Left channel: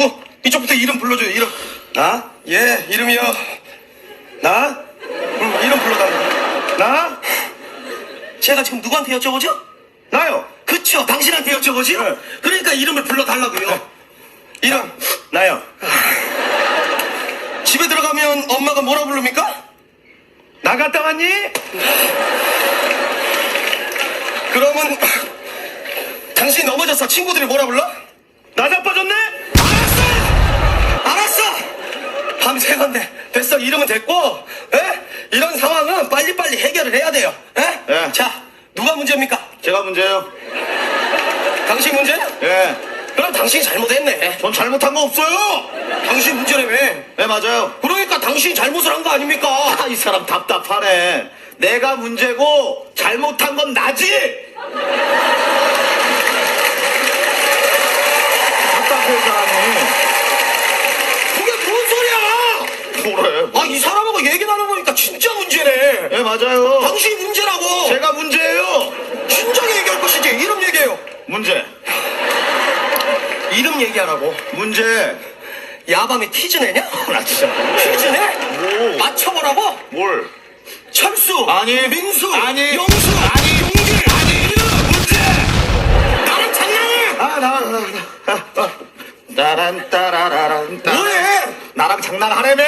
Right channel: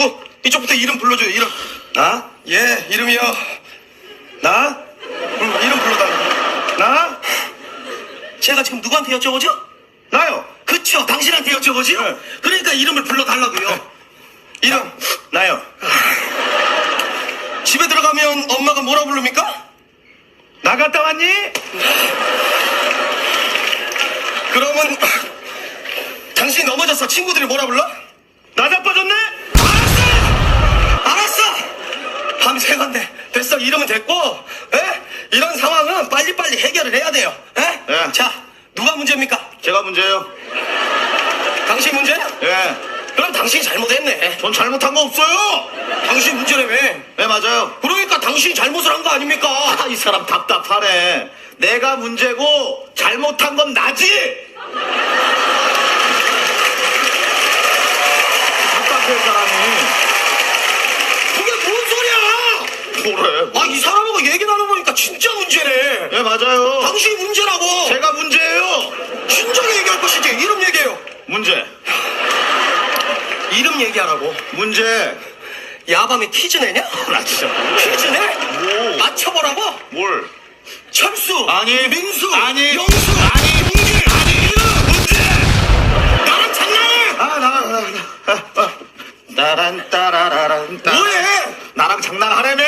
어, 이쪽부터 이름 불러줘요, 이름. 나? 예, 이름이요. 나? 음, 이름 불러달라고. 나? 제가 지금 누구한테 여쭤보죠? 나요. 그쵸, 당신한테 여쭤보죠? 네. 그러니까 이름을 불러달라고요. 이름. 나요. 집에 들어가면 엄마가 뭐라 부릅니까? 나갔다 왔니? 그러면 당신 넘어져서 친구들이 뭐라 불러? 나 자빠졌네? 알았어! 밤새 건데 됐어 이름은 됐고 에? 이런 상황은 빨리빨리 해결을 해야 돼요 에? 예. 자 누가 문제입니까? 제가 문제예요. 당신 문제? 예. 그럼 당신이 잘못했네 전 잘못한 거 없어요. 당신 문제라며 네, 맞아요. 그러니까 당신이 잘못을 한 거 아닙니까? 아, 이 사람 답답하네. 내가 문제고 잘못한 건 나지. 답답해, 이 사람이. 뭐래? 아 이 사람하고 얘기 나눠보니까 진짜 문제네 네, 맞아요. 당신이 문제라고 제가 문제예요. 진작에 얘기할 것이지 이름 얘기해요 문제. 이름 얘기하라고 문제. 야밤에 퀴즈 내냐? 나 진짜. 퀴즈 내? 뭐? 맞춰보라고? 뭘? 철수 아니. 민수 아니. 영수 아니. 용길 아니. 이름 문제 나랑 장난해 아, 나, 나, 나. 아, 아. 따란, 따라라란, 따 뭐해 나랑 장난하래매?